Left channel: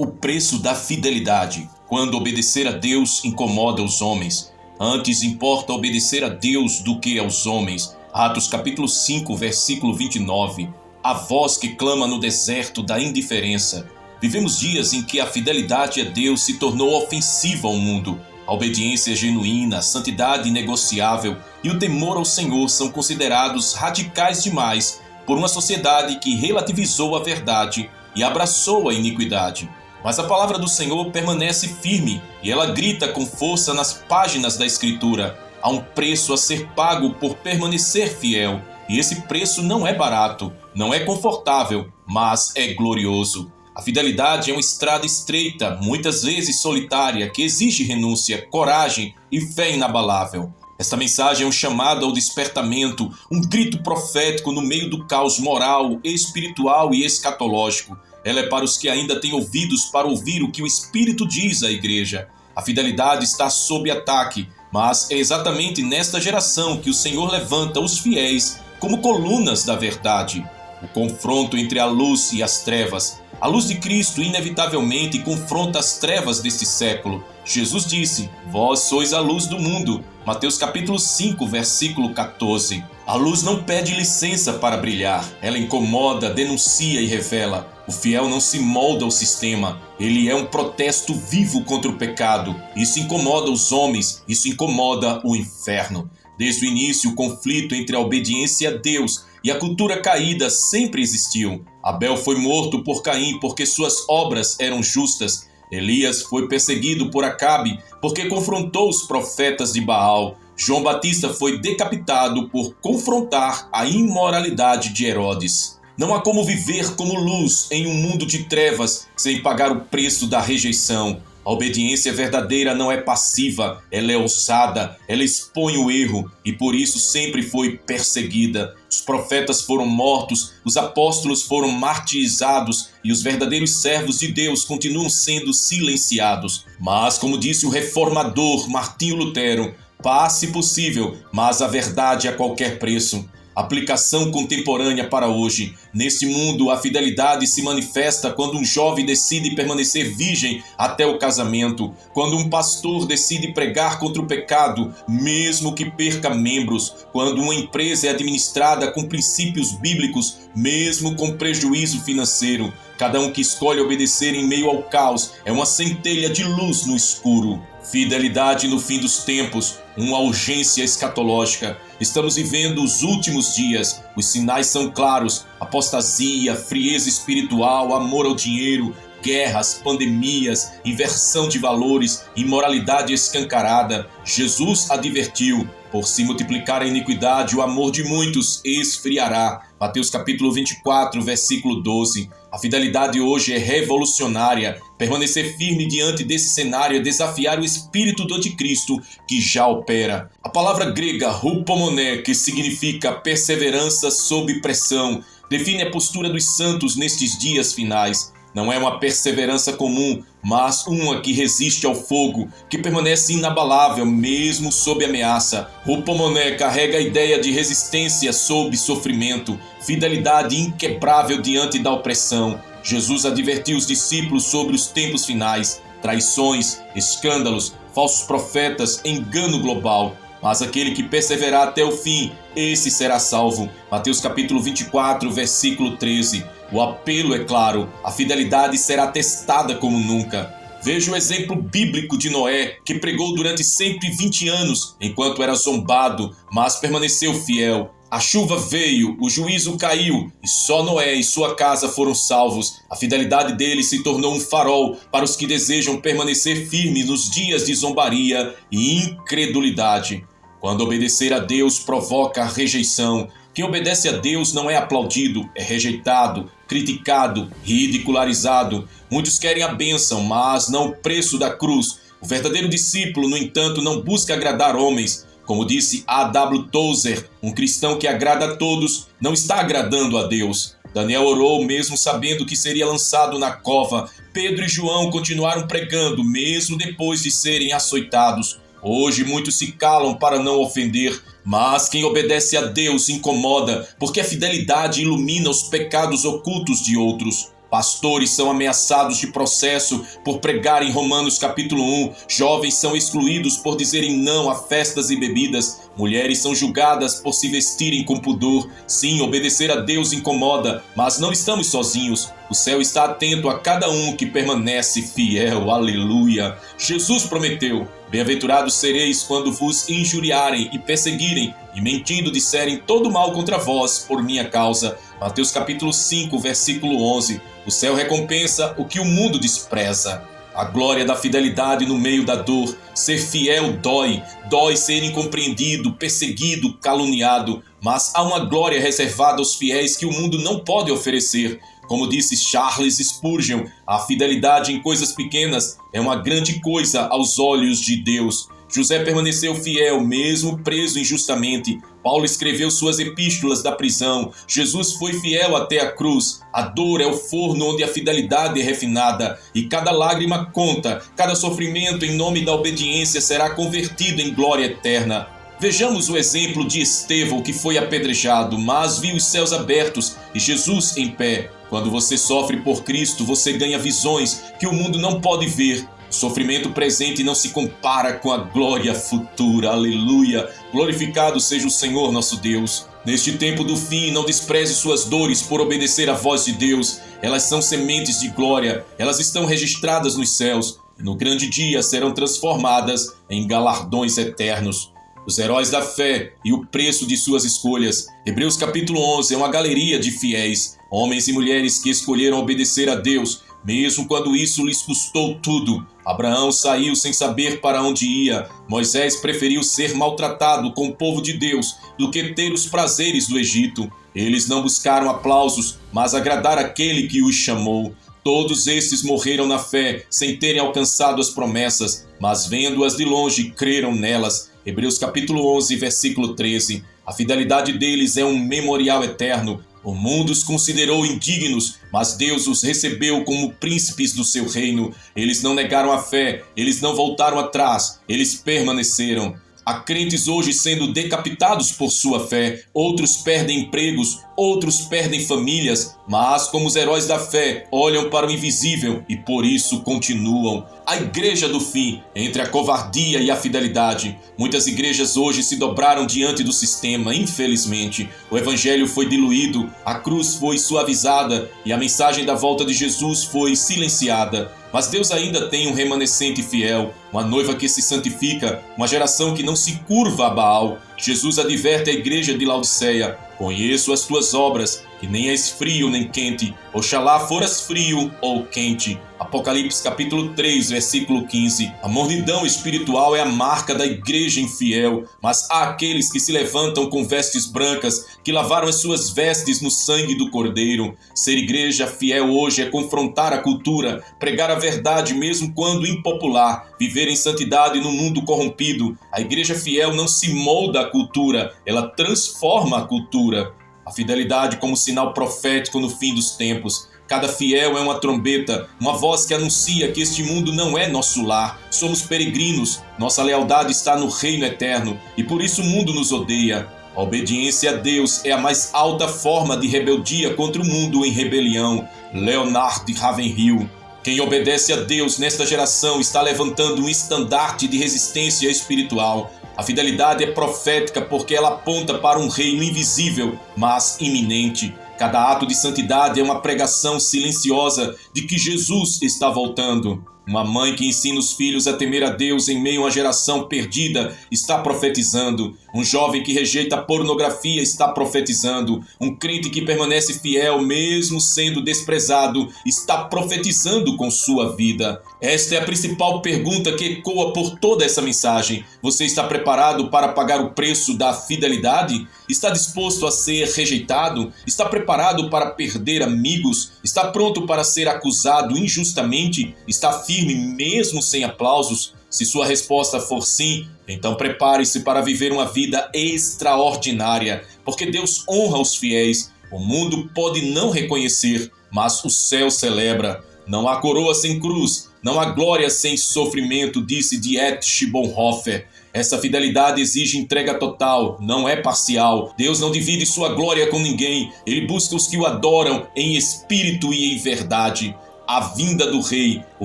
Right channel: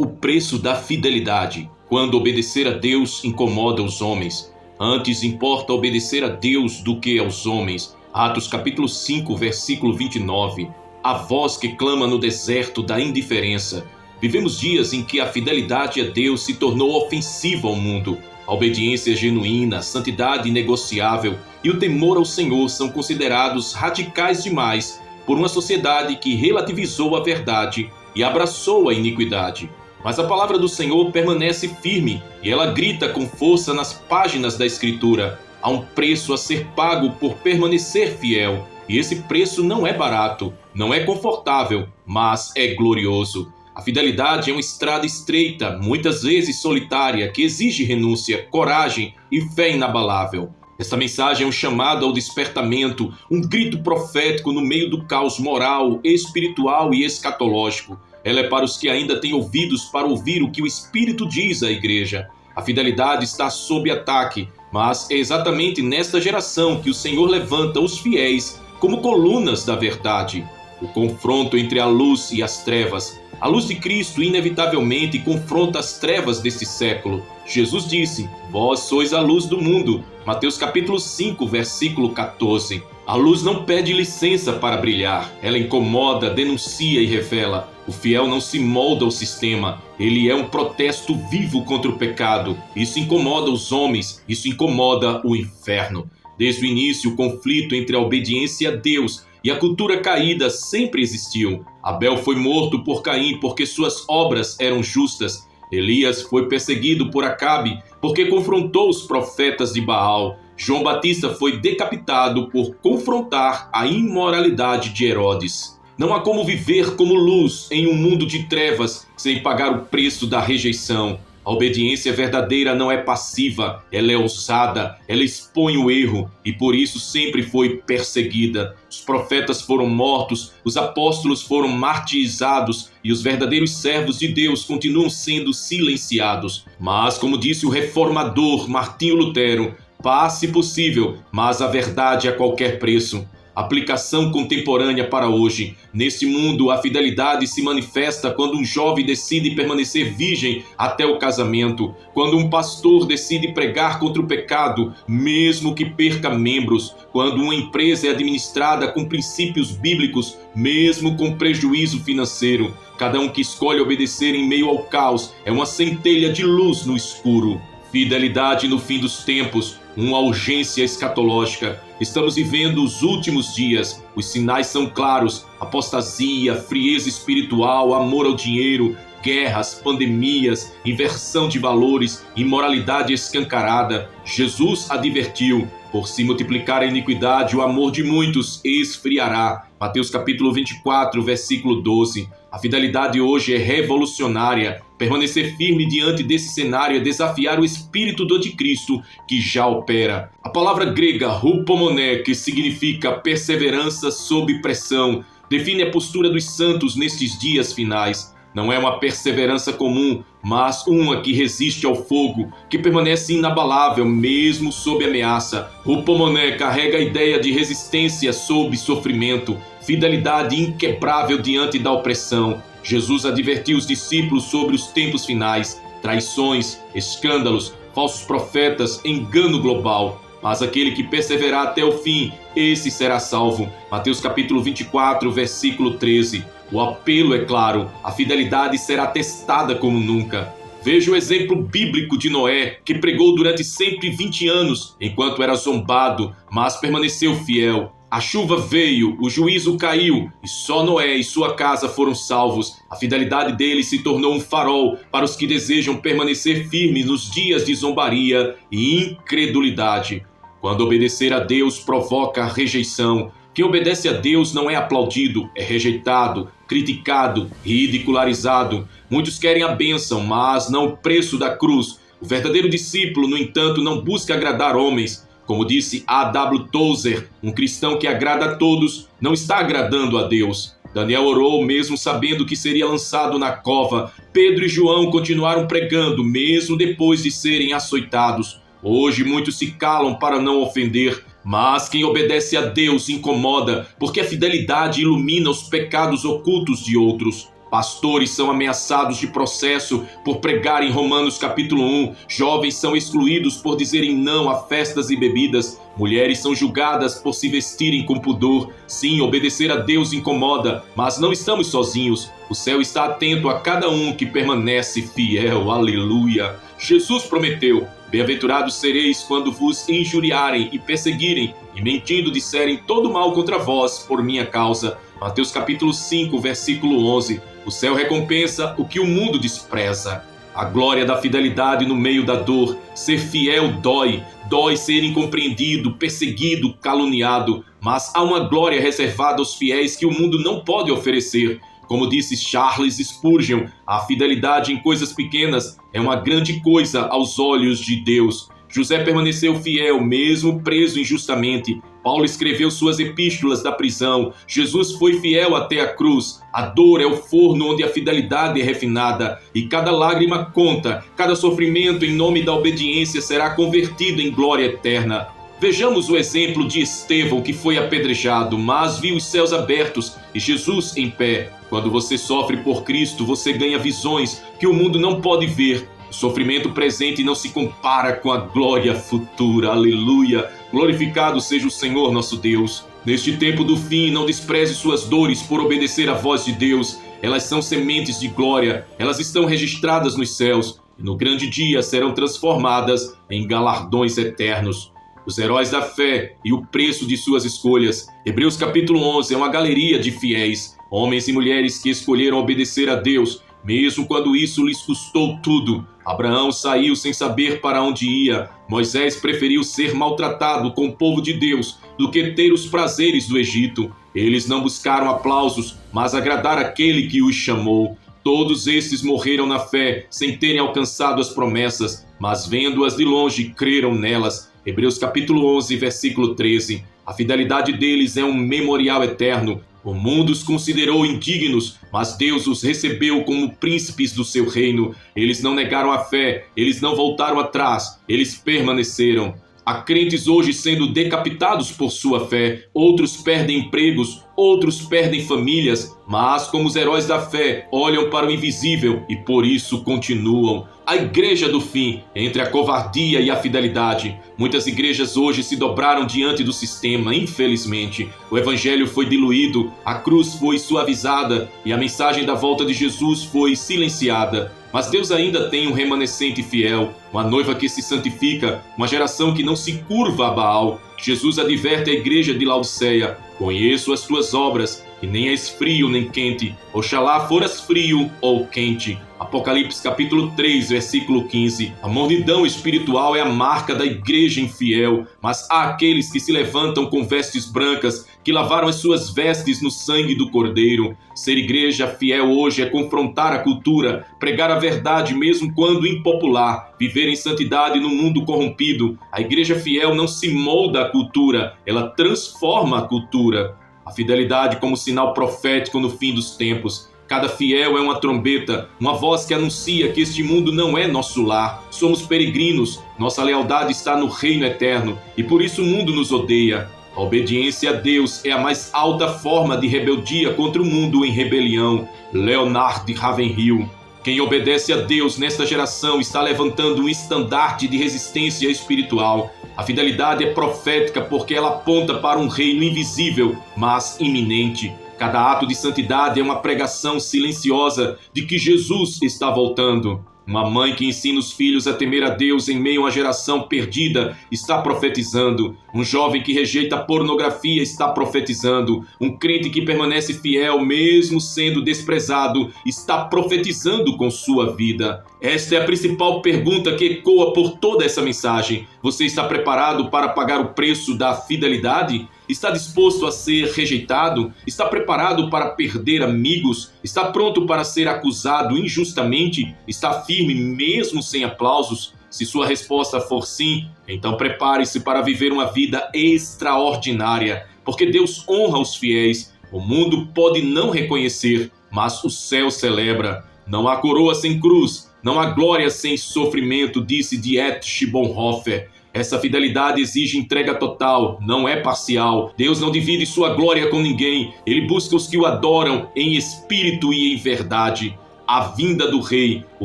O preço da fidelidade. Quando obedecer a Deus incomoda os homens. Antes importa obedecer a Deus do que aos homens. Atos capítulo 5, versículo 29. A voz que clama no deserto da indiferença. Vivemos dias em que a fidelidade a Deus se tornou ofensiva ao mundo. A obediência genuína, a santidade inegociável e o temor ao Senhor são considerados radicais demais por uma sociedade que relativizou a verdade e abraçou a iniquidade. Mas a palavra do Senhor permanece firme e ela grita com força nas páginas da Escritura. Há um preço a ser pago por permanecer fiel. E esse preço não é barato, não é confortável, mas é glorioso. A fidelidade é uma estrada estreita, muitas vezes solitária, que exige renúncia, coragem e fé inabalável. Esta mensagem é um chamado ao despertamento, um grito profético no meio do caos moral, espiritual e escatológico. Ela é para os que ainda têm ouvidos para ouvir o que o Espírito diz à igreja. A fidelidade está sob ataque, mas é exatamente nesta geração que o Senhor levanta os fiéis como colunas da verdade. O confronto entre a luz e as trevas. A luz de Cristo inevitavelmente confronta as trevas deste século. Jesus disse: "Vós sois a luz do mundo." Mateus capítulo 5, versículo 14. A luz não pede licença para brilhar. Ela incomoda, denuncia e revela. O fiel não se molda ao sistema. Ele é um protesto vivo contra o pecado. Isso incomoda os homens. Isso incomoda o inferno. Desde o início, o conflito entre a obediência a Deus e a cultura caída sempre existiu. Abel foi morto por Caim porque suas obras eram justas. Elias foi perseguido por Acabe porque confrontou os profetas de Baal. João Batista foi decapitado por confrontar a imoralidade de Herodes. Não há como viver como luz em um mundo de trevas sem pagar o preço da rejeição. A obediência verdadeira não é passiva, ela é ousada, ela expõe o erro e por isso sempre foi perseguida. Os profetas foram mortos, os apóstolos foram martirizados e os verdadeiros servos de Deus continuam sendo silenciados. Mas, como disse o reformador Martinho Lutero, paz se possível, mas a verdade a qualquer preço. Aplicação contemporânea para hoje. Neste mundo, a fidelidade se manifesta quando um jovem decide permanecer virgem até o casamento, quando um pastor decide pregar contra o pecado, mesmo que perca membros, quando uma empresa é administrada com princípios bíblicos, mesmo com prejuízo financeiro. Cada um que escolhe obedecer em meio ao caos é uma centelha de luz no escuro. Fidelidade no fim dos tempos, uma urgência escatológica. Estamos vivendo os últimos dias. Os sinais são claros: apostasia, frieza espiritual, amor ao dinheiro, guerras, pandemias, inversão de valores, imoralidade escancarada. Jesus advertiu: por se multiplicar a iniquidade, o amor de muitos esfriará. Mateus capítulo 24, versículo 12. A fidelidade hoje é revolucionária. Permanecer firme diante desse cenário é desafiar o espírito do anticristo que já opera. A palavra grega hupomoné, que significa perseverança sob pressão, define a postura dos santos nestes dias finais. Não é uma perseverança comum, mas uma que resiste ao fogo, que permanece inabalável mesmo sob ameaça. Hupomoné carrega a ideia de resistência sob sofrimento, fidelidade inquebrável diante da opressão. Jesus advertiu os discípulos sobre os tempos finais: traições, escândalos, falsos profetas, engano global. Mas aquele que perseverar até o fim, esse será salvo. Mateus capítulo 24, versículo 13. O apelo é claro: a fidelidade será testada como nunca. Veja o exemplo bíblico de Noé, que pregou durante 120 anos, enquanto era zombado, mas permaneceu fiel. A chuva veio, o juízo caiu, e só Noé e sua casa foram salvos. A fidelidade dele se tornou um farol para os que desejam permanecer firmes nos dias de zombaria e incredulidade. Quando obedecer a Deus provoca rejeição. Quem obedece a Deus não é aplaudido, é rejeitado, criticado, ridicularizado. Muitos querem a bênção, mas não o preço da cruz. O verdadeiro discípulo, no entanto, não busca agradar homens. Como disse A.W. Tozer, um cristão que agrada a todos não está agradando a Deus. Daniel orou mesmo sabendo que seria lançado na cova. Pedro e João continuaram pregando mesmo depois de serem açoitados. Hoje muitos se calam para não ofender, mas quem obedece a Deus se incomoda, porque a fidelidade ilumina os pecados ocultos de outros. Pastores são ameaçados de processo por pregarem Romanos capítulo 1. Jovens são excluídos por dizerem não a festas e bebidas. Mulheres são julgadas por se vestirem com pudor. Sim, obedecer a Deus incomoda, mas não estamos sozinhos. O céu está atento a cada um que permanece fiel. Aleluia! Jesus prometeu: bem-aventurados sereis quando vos injuriarem e perseguirem, e mentindo disserem todo mal contra vós por minha causa. Mateus capítulo 5, versículo 11. O céu recompensa o que o mundo despreza. A glória da fidelidade no meio da dor. Ser fiel dói ser incompreendido, perseguido, caluniado. Mas há uma glória reservada aos fiéis que o mundo não pode oferecer. Como disse Charles Spurgeon, a fidelidade em coisas pequenas é uma grande coisa aos olhos de Deus. José permaneceu fiel, mesmo preso injustamente. Paulo escreveu suas epístolas da prisão. Jesus foi fiel até a cruz. A dor é o forno onde a fidelidade é refinada. E cada lágrima conta. Cada sofrimento em nome da obediência será convertido em glória eterna. Vejamos o exemplo de Estevão, que foi apedrejado, mas viu os céus abertos e Jesus em pé. Quando você sofre por Cristo, você ganha visões que o mundo não pode ver. O sofrimento presente não se compara com a glória futura. Aleluia! Glorificado seja o Senhor nosso Deus. Neste tempo do fim, não despreze suas dores por obedecer à voz de Deus. Elas são sementes de glória. Elas estão registradas nos céus. E no grande dia serão transformadas em galardões eternos. Os heróis da fé e o preço de suas escolhas. Hebreus capítulo 11 é uma galeria de fiéis. Homens e mulheres que escolheram obedecer a Deus, mesmo quando isso lhes custou tudo. Abraão saiu sem saber para onde ia. Moisés preferiu ser maltratado com o povo de Deus do que ter os prazeres do Egito. Eles não buscaram aplausos, mas agradar aquele que os chamou. Todos estes morreram na fé, sem terem alcançado as promessas, mas vendo-as de longe, creram nelas. Hebreus capítulo 11, versículo 13. A fidelidade deles é um memorial eterno. O mundo os considerou indignos, mas Deus os recebeu como príncipes do seu reino. Eles não negaram a fé, eles não voltaram atrás, eles permaneceram. Há crentes hoje sendo decapitados por sua fé, outros perdem empregos, outros perdem famílias, mas como os heróis da fé olham para o invisível e por isso continuam. A igreja do fim, entre a covardia e a fidelidade. Muitas igrejas hoje se dobraram diante do sistema, infelizmente. O evangelho foi diluído, a cruz foi suavizada e a mensagem da volta de Jesus foi silenciada. Mas Deus ainda tem um remanescente fiel, uma noiva que se santifica, uma geração que não se curva a Baal. Jesus adverte a igreja de Laodiceia: conheço as tuas obras, que nem és frio nem quente. Oxalá foras frio ou quente. Apocalipse capítulo 3, versículo 15. A mornidão espiritual é a marca da igreja infiel, mas há aqueles que se levantam com vestes brancas, que lavaram as suas vestes no sangue do Cordeiro. Ser igreja fiel hoje é confrontar a cultura, pregar a verdade mesmo quando impopular, viver em santidade no mundo corrompido. A igreja fiel não se molda à cultura, ela transforma a cultura. A fidelidade como sinal profético no fim dos tempos. Cada fiel é uma trombeta, uma voz que anuncia que este mundo não é nosso lar. Somos peregrinos, nossa lealdade está no reino eterno e por isso o mundo nos odeia. A obediência a Deus é a mais alta forma de rebeldia contra o mundo em rebelião. Leonard de Ravenhill. Quem obedece a Deus nesta geração está levantando um estandarte de resistência espiritual. A fidelidade é profética porque ela aponta para um reino invisível, mas iminente. Cada ato de santidade é uma pregação silenciosa de que Jesus está voltando. Uma mãe que ensina os filhos a temer a Deus em meio a uma geração perdida está profetizando. Um jovem que rejeita a pornografia está profetizando. Um crente que permanece fiel mesmo sendo desprezado está profetizando com sua vida. Esta é a principal pergunta que ecoa por toda essa mensagem. Você está preparado para pagar o preço da fidelidade? Está disposto a ser rejeitado? Está preparado para perder amigos? Está pronto para ser acusado injustamente? Está firme mesmo sem aplausos? Se sua resposta for sim, então prepare-se para viver uma vida extraordinária, porque Deus honra os fiéis. O mundo pode não reconhecer, mas o céu celebra. Não há coroa sem cruz, não há glória sem sofrimento, disse Dietrich Bonhoeffer. Essa fidelidade exige entrega total, não é parcial. Deus não divide sua glória com ninguém. Ele busca os que o adoram em espírito e em verdade. A vinda do Rei, o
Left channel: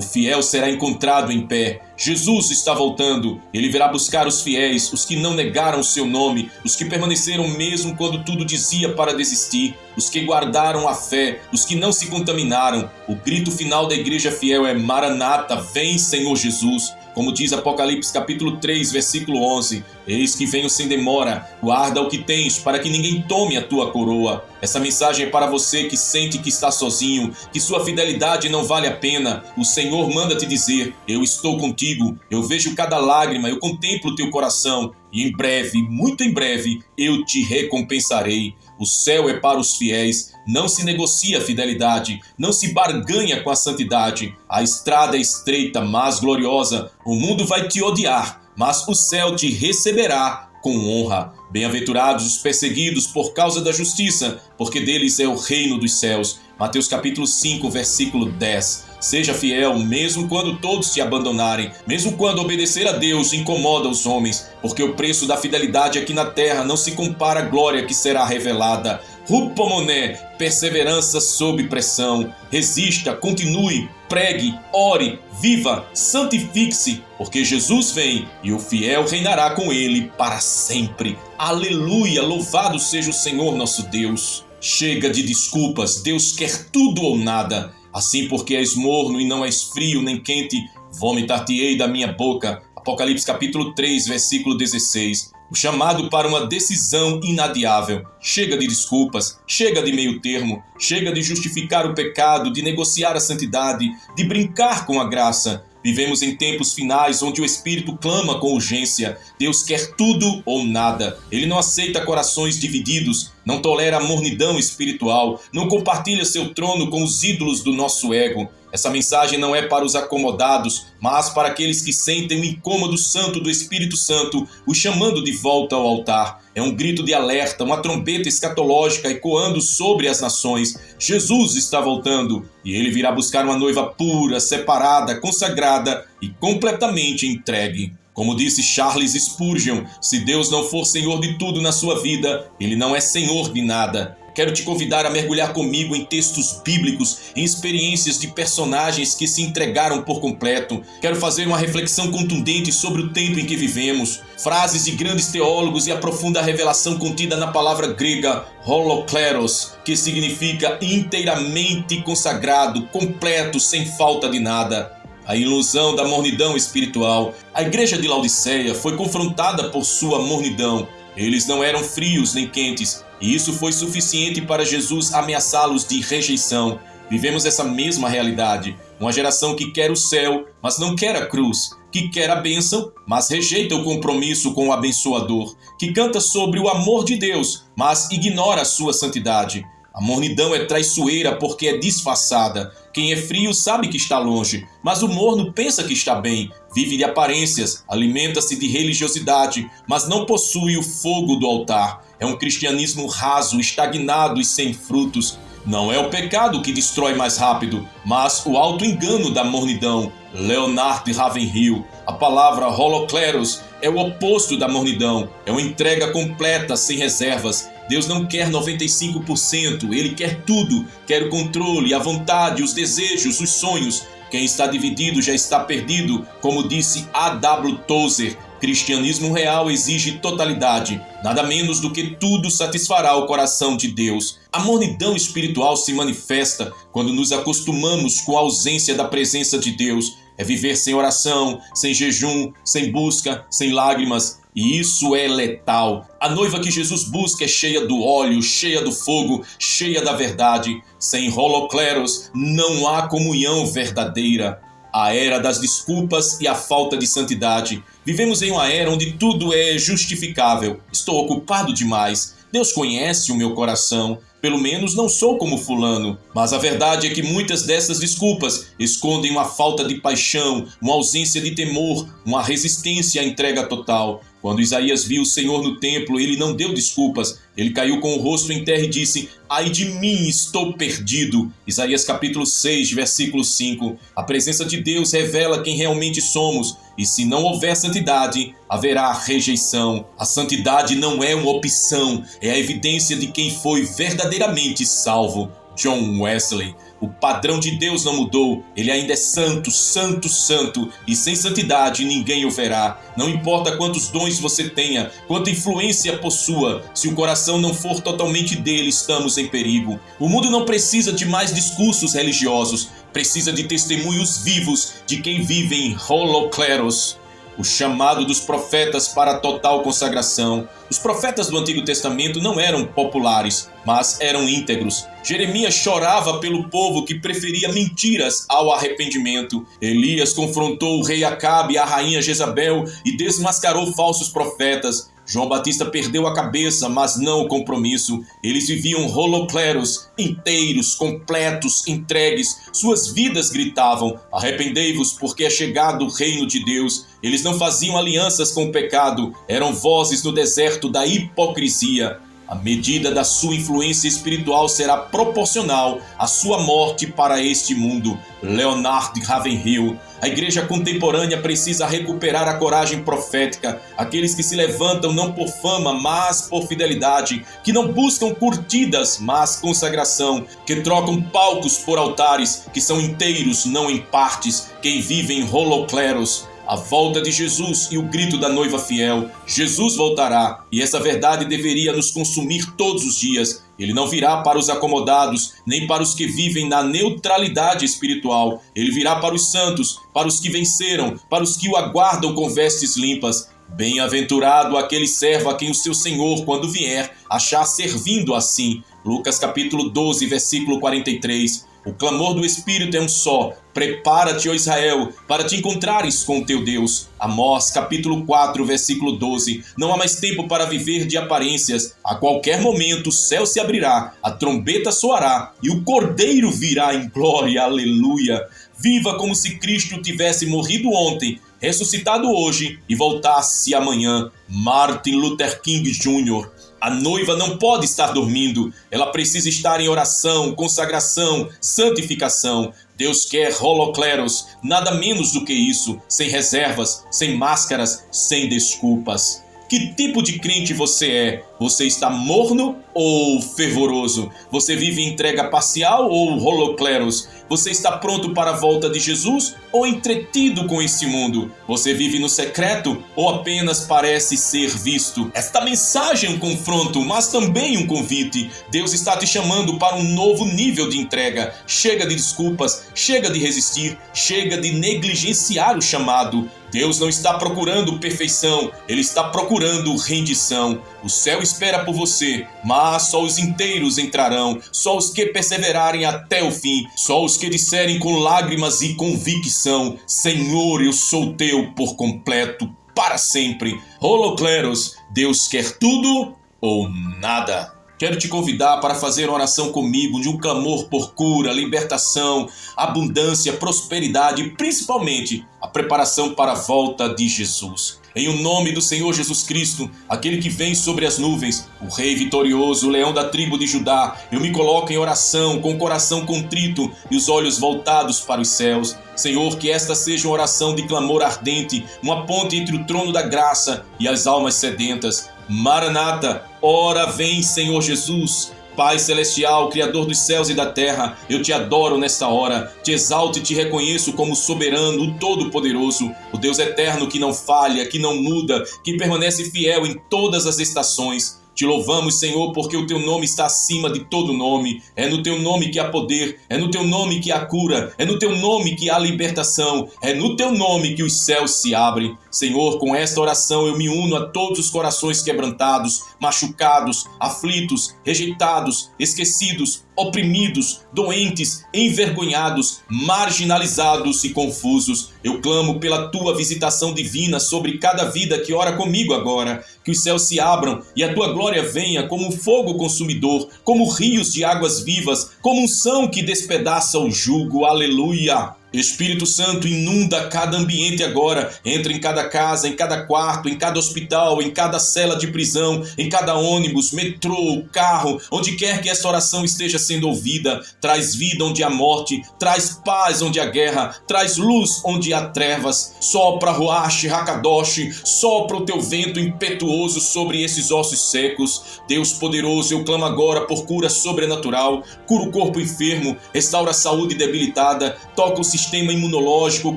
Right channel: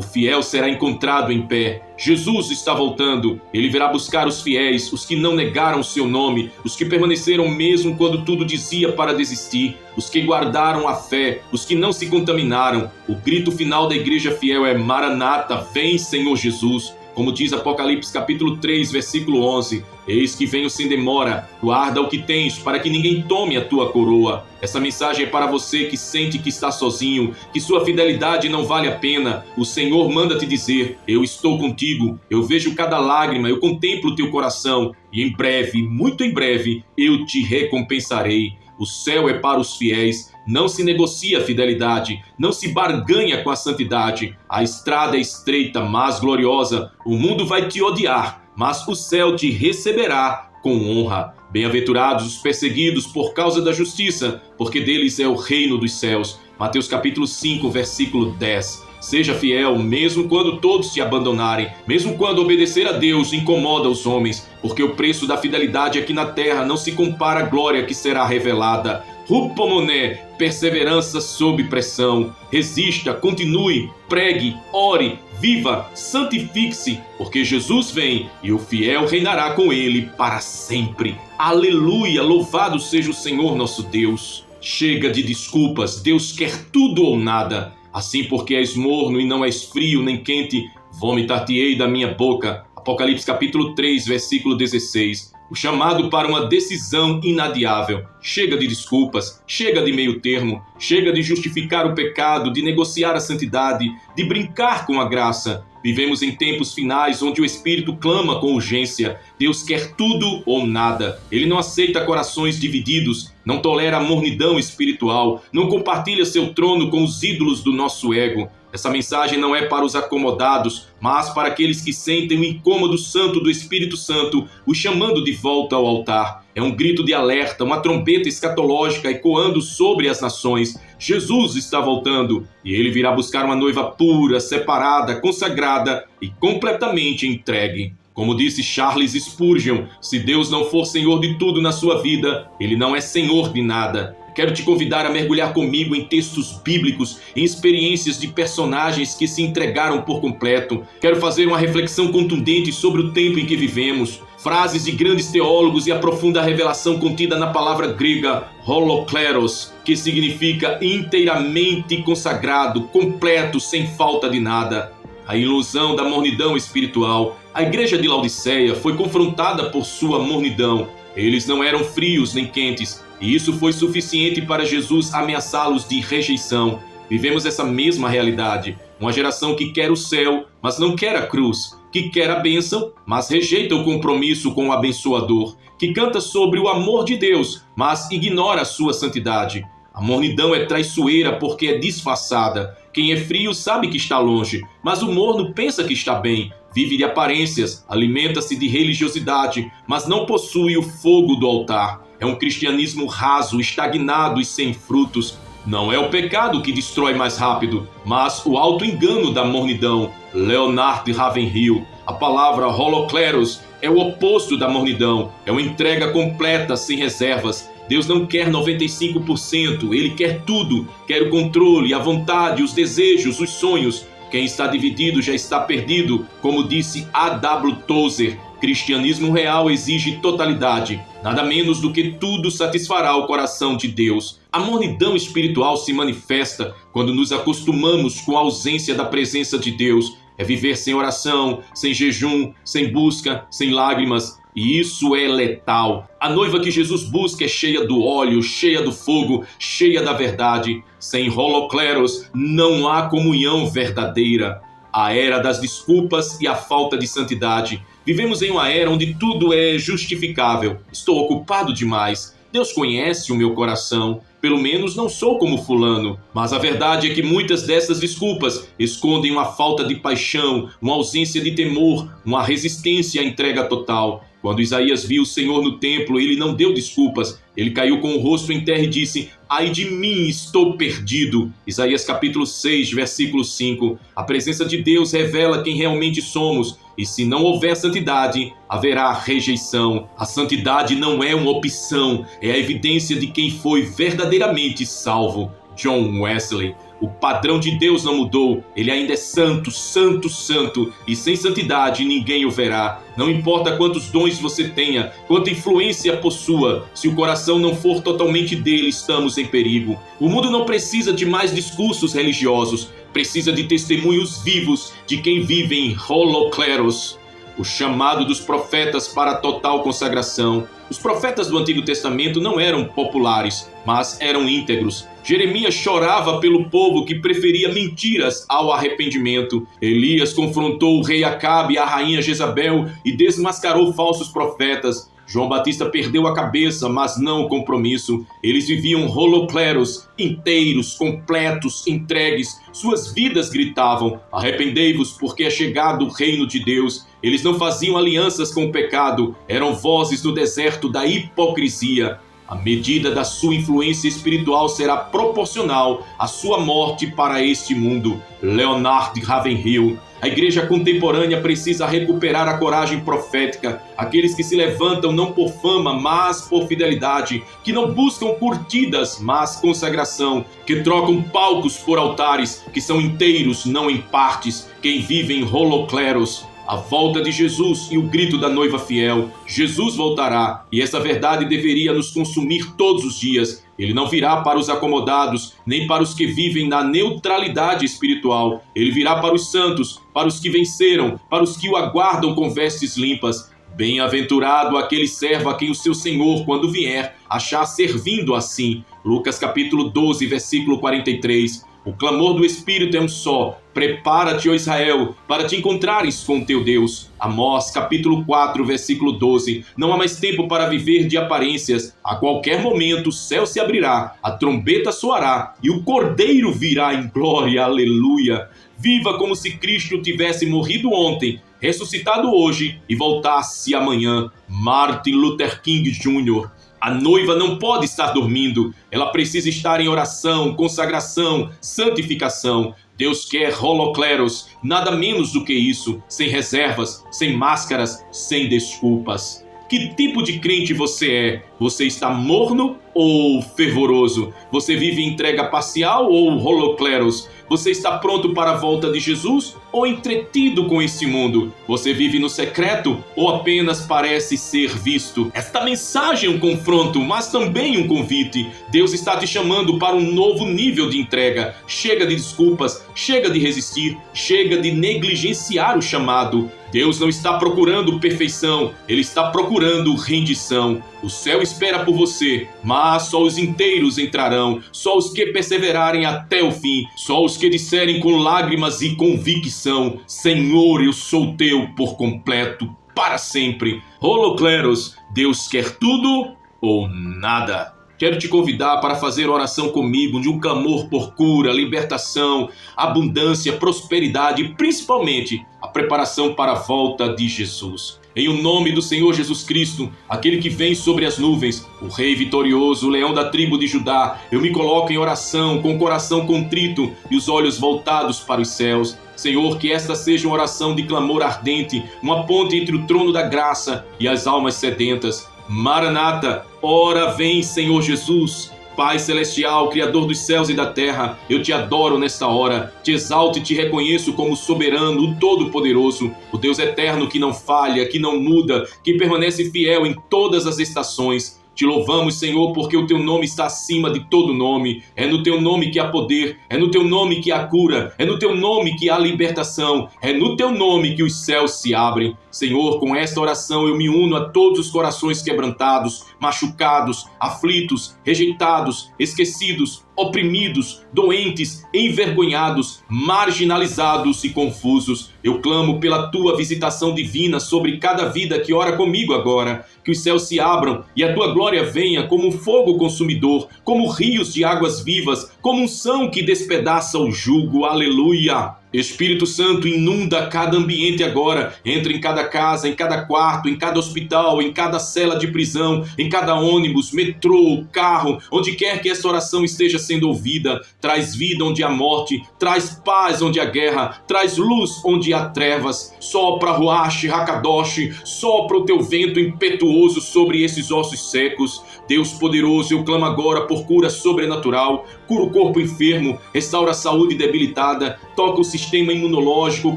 fiel será encontrado em pé. Jesus está voltando. Ele virá buscar os fiéis, os que não negaram o seu nome, os que permaneceram mesmo quando tudo dizia para desistir, os que guardaram a fé, os que não se contaminaram. O grito final da igreja fiel é: Maranata, vem, Senhor Jesus. Como diz Apocalipse capítulo 3, versículo 11, eis que venho sem demora, guarda o que tens, para que ninguém tome a tua coroa. Essa mensagem é para você que sente que está sozinho, que sua fidelidade não vale a pena. O Senhor manda te dizer: eu estou contigo, eu vejo cada lágrima, eu contemplo o teu coração, e em breve, muito em breve, eu te recompensarei. O céu é para os fiéis, não se negocia a fidelidade, não se barganha com a santidade. A estrada é estreita, mas gloriosa. O mundo vai te odiar, mas o céu te receberá com honra. Bem-aventurados os perseguidos por causa da justiça, porque deles é o reino dos céus. Mateus capítulo 5, versículo 10. Seja fiel, mesmo quando todos te abandonarem, mesmo quando obedecer a Deus incomoda os homens, porque o preço da fidelidade aqui na terra não se compara à glória que será revelada. Rupomoné, perseverança sob pressão. Resista, continue, pregue, ore, viva, santifique-se, porque Jesus vem e o fiel reinará com ele para sempre. Aleluia, louvado seja o Senhor nosso Deus. Chega de desculpas, Deus quer tudo ou nada. Assim, porque és morno e não és frio nem quente, vomitar-te-ei da minha boca. Apocalipse capítulo 3, versículo 16. O chamado para uma decisão inadiável. Chega de desculpas, chega de meio termo, chega de justificar o pecado, de negociar a santidade, de brincar com a graça. Vivemos em tempos finais onde o Espírito clama com urgência. Deus quer tudo ou nada. Ele não aceita corações divididos, não tolera a mornidão espiritual, não compartilha seu trono com os ídolos do nosso ego. Essa mensagem não é para os acomodados, mas para aqueles que sentem o incômodo santo do Espírito Santo, o chamando de volta ao altar. É um grito de alerta, uma trombeta escatológica ecoando sobre as nações. Jesus está voltando e ele virá buscar uma noiva pura, separada, consagrada e completamente entregue. Como disse Charles Spurgeon, se Deus não for Senhor de tudo na sua vida, ele não é Senhor de nada. Quero te convidar a mergulhar comigo em textos bíblicos, em experiências de personagens que se entregaram por completo. Quero fazer uma reflexão contundente sobre o tempo em que vivemos, frases de grandes teólogos e a profunda revelação contida na palavra grega holokleros, que significa inteiramente consagrado, completo, sem falta de nada. A ilusão da mornidão espiritual. A igreja de Laodiceia foi confrontada por sua mornidão. Eles não eram frios nem quentes, e isso foi suficiente para Jesus ameaçá-los de rejeição. Vivemos essa mesma realidade. Uma geração que quer o céu, mas não quer a cruz. Que quer a bênção, mas rejeita o compromisso com o abençoador. Que canta sobre o amor de Deus, mas ignora a sua santidade. A mornidão é traiçoeira porque é disfarçada. Quem é frio sabe que está longe, mas o morno pensa que está bem. Vive de aparências, alimenta-se de religiosidade, mas não possui o fogo do altar. É um cristianismo raso, estagnado e sem frutos. Não é o pecado que destrói mais rápido, mas o auto-engano da mornidão. Leonard Ravenhill. A palavra holokleros é o oposto da mornidão. É uma entrega completa, sem reservas. Deus não quer 95%, Ele quer tudo. Quer o controle, a vontade, os desejos, os sonhos. Quem está dividido já está perdido, como disse A.W. Tozer. Cristianismo real exige totalidade, nada menos do que tudo satisfará o coração de Deus. A mornidão espiritual se manifesta quando nos acostumamos com a ausência da presença de Deus. É viver sem oração, sem jejum, sem busca, sem lágrimas. E isso é letal. A noiva que Jesus busca é cheia do óleo, cheia do fogo, cheia da verdade. Sem holokleros não há comunhão verdadeira. A era das desculpas e a falta de santidade. Vivemos em uma era onde tudo é justificável. Estou ocupado demais. Deus conhece o meu coração. Pelo menos não sou como fulano. Mas a verdade é que muitas dessas desculpas escondem uma falta de paixão, uma ausência de temor, uma resistência à entrega total. Quando Isaías viu o Senhor no templo, ele não deu desculpas. Ele caiu com o rosto em terra e disse: ai de mim, estou perdido. Isaías capítulo 6, versículo 5. A presença de Deus revela quem realmente somos. e se não houver santidade, haverá rejeição. A santidade não é uma opção, é a evidência de quem foi verdadeiramente salvo. John Wesley. O padrão de Deus não mudou, ele ainda é santo, santo, santo, e sem santidade ninguém o verá. Não importa quantos dons você tenha, quanta influência possua, se o coração não for totalmente dele, estamos em perigo. O mundo não precisa de mais discursos religiosos, precisa de testemunhos vivos de quem vive em holocleros. O chamado dos profetas para a total consagração. Os profetas do Antigo Testamento não eram populares, mas eram íntegros. Jeremias chorava pelo povo que preferia mentiras ao arrependimento. Elias confrontou o rei Acabe e a rainha Jezabel e desmascarou falsos profetas. João Batista perdeu a cabeça, mas não o compromisso. Eles viviam holocleros, inteiros, completos, entregues. Suas vidas gritavam: arrependei-vos, porque é chegado o reino de Deus. Eles não faziam alianças com o pecado, eram vozes no deserto da hipocrisia. A medida da sua influência espiritual será proporcional à sua morte para este mundo. Leonard Ravenhill. A igreja contemporânea precisa recuperar a coragem profética, aqueles que se levantam não por fama, mas por fidelidade, que não buscam curtidas, mas consagração, que trocam palcos por altares, que são inteiros, não em partes, que vivem holocleros. A volta de Jesus e o grito da noiva fiel. Jesus voltará, e essa verdade deveria nos consumir todos os dias. Ele não virá para os acomodados, nem para os que vivem na neutralidade espiritual. Ele virá para os santos, para os que venceram, para os que o aguardam com vestes limpas. Bem-aventurado aquele servo a quem o seu Senhor, quando vier, achar servindo assim. Lucas capítulo 12, versículo 43. O clamor do Espírito é um só: prepara-te, ó Israel, para te encontrares com o teu Deus. Amós, capítulo 4, versículo 12. Não há mais tempo para viver de aparências. A qualquer momento o céu se abrirá, a trombeta soará e o Cordeiro virá em glória. Aleluia! Viva como se Cristo tivesse morrido ontem, ressuscitado hoje e voltasse amanhã. Martin Luther King Jr. A noiva não pode estar dormindo, ela precisa estar em oração, consagração, santificação. Deus quer holocleros, nada menos do que isso, sem reservas, sem máscaras, sem desculpas. Que tipo de crente você é? Você está morno ou fervoroso? Você vive em entrega parcial ou holocleros? Você está pronto para a volta de Jesus ou entretido com este mundo? Você vive no secreto ou apenas parece ser visto? Esta mensagem é um confronto, mas também um convite. Deus está te chamando para um novo nível de entrega. Chega de desculpas, chega de resistir, chega de negligenciar o chamado. Deus não está procurando perfeição, Ele está procurando rendição. O céu espera por você, mas só os inteiros entrarão, só os que perseverarem até o fim, só os que disserem com lágrimas e convicção: Senhor, eu sou teu por completo, para sempre. Holocleros, Deus quer tudo ou nada. Quero te convidar para fazer oração comigo de um clamor por cura, libertação, abundância, prosperidade e principalmente a preparação para a volta de Jesus. Em o nome do Senhor Jesus Cristo, aquele que vem sobre as nuvens, o Rei vitorioso, o leão da tribo de Judá, eu me coloco em oração, com o coração contrito e os olhos voltados para os céus. Senhor, que esta seja uma oração de clamor ardente, uma ponte entre o trono da graça e as almas sedentas. Maranata, ora vem, Senhor Jesus. Pai celestial, Criador dos céus e da terra, eu te adoro nesta hora, te exalto e te reconheço como soberano, o Todo-Poderoso, o Deus eterno que não falha, que não muda, que permanece fiel em todas as estações. Te louvamos, Senhor, porque o teu nome está acima de todo nome. É no teu nome que há poder, é no teu nome que há cura, é no teu nome que há libertação, é no teu nome que os céus se abrem. Senhor, com esta oração eu me uno a todos os corações quebrantados, machucados, aflitos, rejeitados, esquecidos, oprimidos, doentes, envergonhados, marginalizados e confusos. Eu clamo pela tua visitação divina sobre cada vida que ora comigo agora. Que os céus se abram e a tua glória venha como um fogo consumidor, como rios de águas vivas, como um som que despedaça o jugo. Aleluia! Espírito Santo, inunda cada ambiente agora, entra em cada casa, em cada quarto, em cada hospital, em cada cela de prisão, em cada ônibus, metrô, carro, onde quer que esta oração esteja sendo ouvida. Traz vida onde há morte, traz paz onde há guerra, traz luz onde há trevas. Sopra Ruach Hakadosh, sopra o teu vento impetuoso sobre esses ossos secos. Deus poderoso, eu clamo agora por cura sobrenatural, cura o corpo enfermo, restaura a saúde debilitada, toca o sistema imunológico, o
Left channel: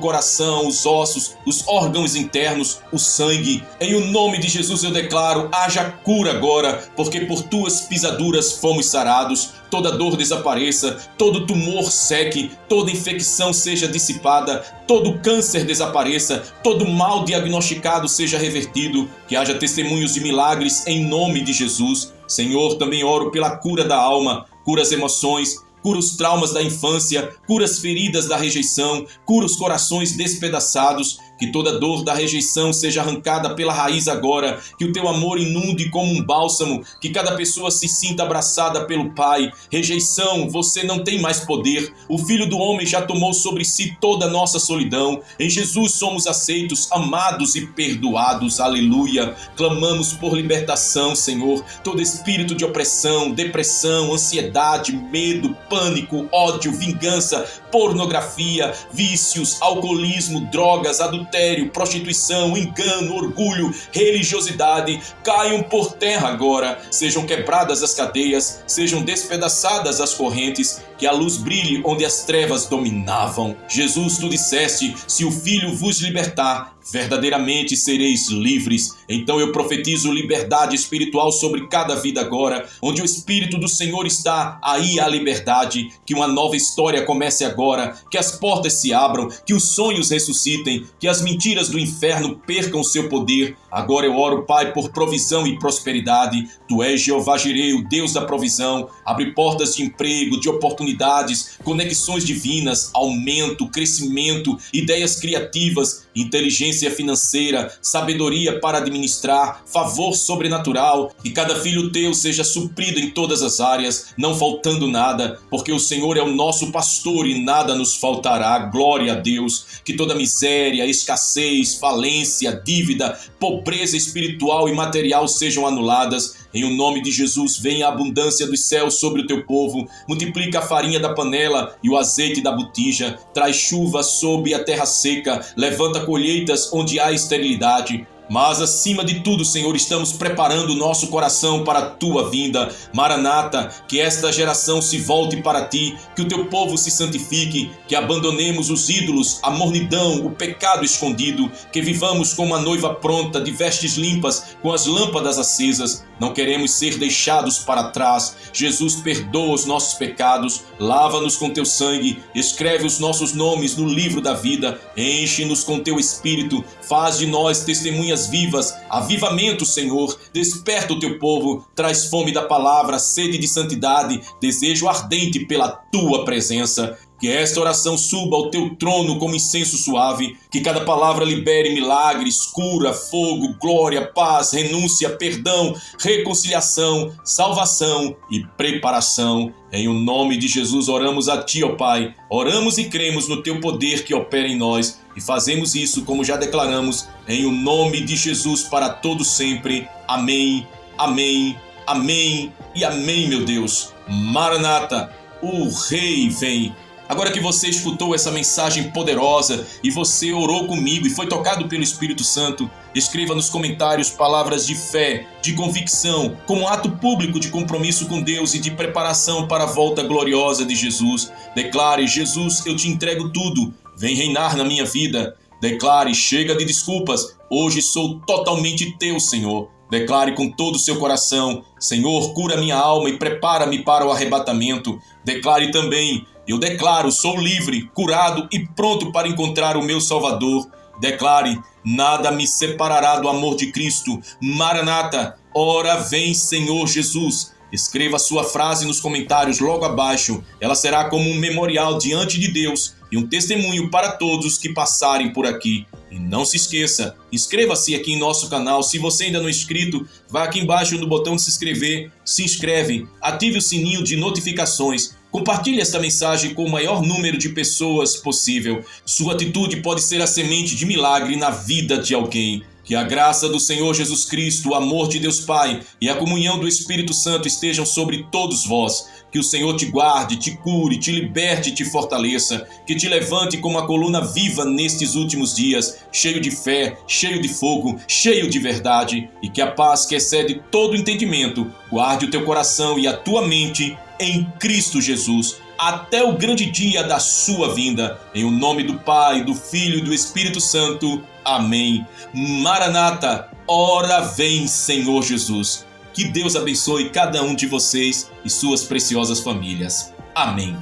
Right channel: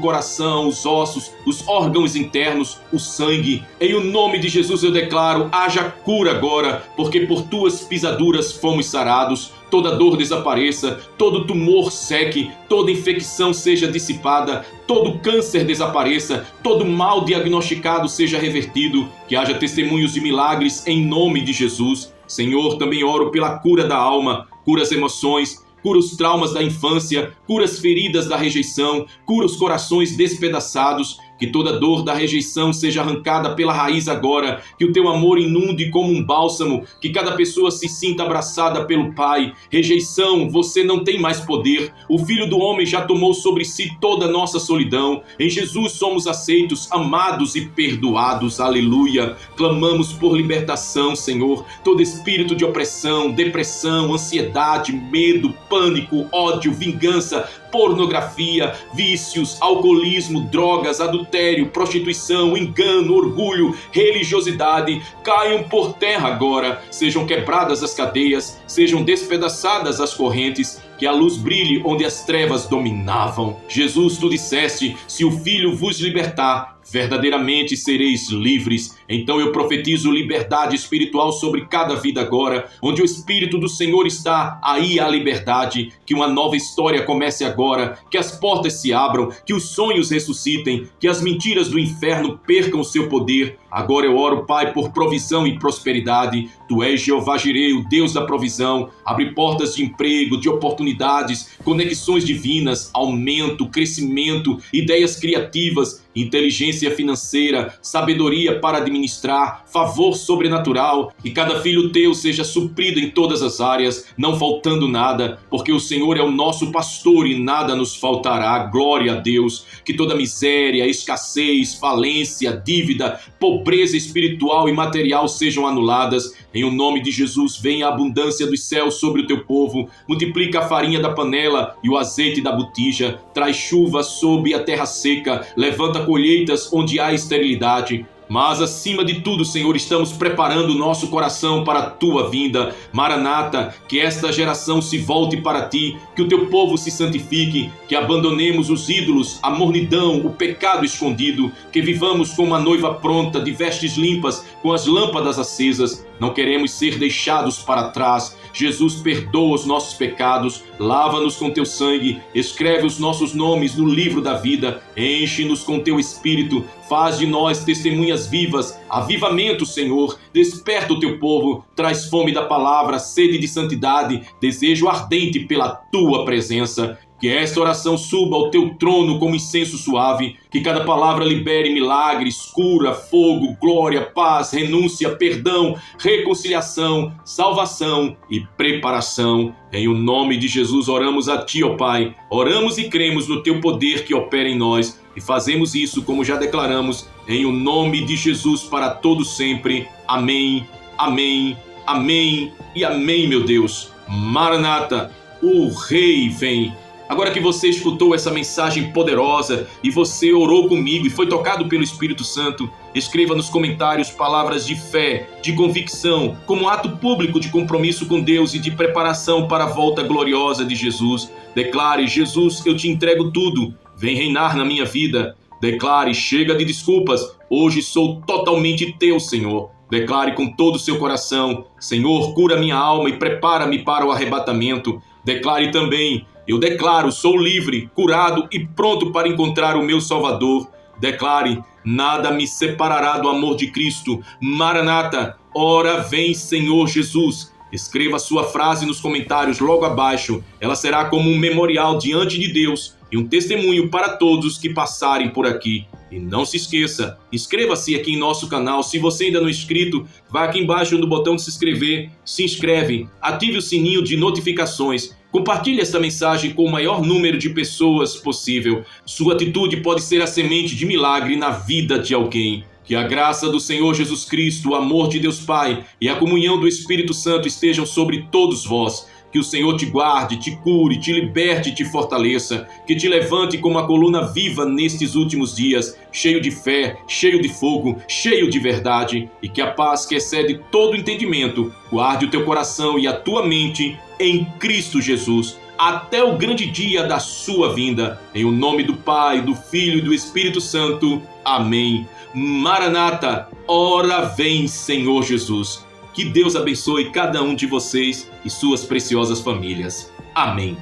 coração, os ossos, os órgãos internos, o sangue. Em o nome de Jesus eu declaro, haja cura agora, porque por tuas pisaduras fomos sarados. Toda dor desapareça, todo tumor seque, toda infecção seja dissipada, todo câncer desapareça, todo mal diagnosticado seja revertido, que haja testemunhos de milagres em nome de Jesus. Senhor, também oro pela cura da alma, cura as emoções, cura os traumas da infância, cura as feridas da rejeição, cura os corações despedaçados, que toda dor da rejeição seja arrancada pela raiz agora, que o teu amor inunde como um bálsamo, que cada pessoa se sinta abraçada pelo Pai. Rejeição, você não tem mais poder, o Filho do Homem já tomou sobre si toda a nossa solidão. Em Jesus somos aceitos, amados e perdoados, aleluia. Clamamos por libertação, Senhor, todo espírito de opressão, depressão, ansiedade, medo, pânico, ódio, vingança, pornografia, vícios, alcoolismo, drogas, adultério, prostituição, engano, orgulho, religiosidade, caiam por terra agora, sejam quebradas as cadeias, sejam despedaçadas as correntes, que a luz brilhe onde as trevas dominavam. Jesus, tu disseste, se o Filho vos libertar, verdadeiramente sereis livres. Então eu profetizo liberdade espiritual sobre cada vida agora. Onde o Espírito do Senhor está, aí há liberdade. Que uma nova história comece agora, que as portas se abram, que os sonhos ressuscitem, que as mentiras do inferno percam seu poder. Agora eu oro, Pai, por provisão e prosperidade. Tu és Jeová Jireh, o Deus da provisão. Abre portas de emprego, de oportunidades, conexões divinas, aumento, crescimento, ideias criativas, inteligência financeira, sabedoria para administrar, favor sobrenatural, e cada filho teu seja suprido em todas as áreas, não faltando nada, porque o Senhor é o nosso pastor e nada nos faltará. Glória a Deus. Que toda miséria, escassez, falência, dívida, pobreza espiritual e material sejam anuladas. Em o nome de Jesus, venha a abundância dos céus sobre o teu povo, multiplica a farinha da panela e o azeite da botija, traz chuva sobre a terra seca, levanta colheitas onde há esterilidade. Mas, acima de tudo, Senhor, estamos preparando o nosso coração para a Tua vinda. Maranata, que esta geração se volte para Ti, que o Teu povo se santifique, que abandonemos os ídolos, a mornidão, o pecado escondido, que vivamos com uma noiva pronta, de vestes limpas, com as lâmpadas acesas. Não queremos ser deixados para trás. Jesus, perdoa os nossos pecados, lava-nos com Teu sangue, escreve os nossos nomes no livro da vida, enche-nos com Teu Espírito, faz de nós testemunhas vivas, avivamento, Senhor, desperta o Teu povo, traz fome da palavra, sede de santidade, desejo ardente pela Tua presença. Que esta oração suba ao Teu trono como incenso suave, que cada palavra libere milagres, cura, fogo, glória, paz, renúncia, perdão, reconciliação, salvação e preparação. Em o nome de Jesus oramos a Ti, ó Pai, oramos e cremos no Teu poder que opera em nós e fazemos isso como já declaramos, em o nome de Jesus para todo sempre. Amém, amém, amém e amém, meu Deus. Maranata, o Rei vem. Agora que você escutou essa mensagem poderosa e você orou comigo e foi tocado pelo Espírito Santo, escreva nos comentários palavras de fé, de convicção, como ato público de compromisso com Deus e de preparação para a volta gloriosa de Jesus. Declare: Jesus, eu te entrego tudo, vem reinar na minha vida. Declare: chega de desculpas, hoje sou totalmente teu, Senhor. Declare com todo o seu coração: Senhor, cura minha alma e prepara-me para o arrebatamento. Declare também: eu declaro, sou livre, curado e pronto para encontrar o meu Salvador. Declare: nada me separará do amor de Cristo. Maranata, ora vem, Senhor Jesus. Escreva a sua frase nos comentários logo abaixo. Ela será como um memorial diante de Deus e um testemunho para todos que passarem por aqui. E não se esqueça, inscreva-se aqui em nosso canal. Se você ainda não é inscrito, vá aqui embaixo no botão de se inscrever, se inscreve, ative o sininho de notificações Compartilhe esta mensagem com o maior número de pessoas possível. Sua atitude pode ser a semente de milagre na vida de alguém. Que a graça do Senhor Jesus Cristo, o amor de Deus Pai e a comunhão do Espírito Santo estejam sobre todos vós. Que o Senhor te guarde, te cure, te liberte e te fortaleça. Que te levante como uma coluna viva nestes últimos dias, cheio de fé, cheio de fogo, cheio de verdade. E que a paz que excede todo entendimento guarde o teu coração e a tua mente em Cristo Jesus, até o grande dia da sua vinda. Em o nome do Pai, do Filho e do Espírito Santo. Amém. Maranata, ora vem, Senhor Jesus. Que Deus abençoe cada um de vocês e suas preciosas famílias. Amém.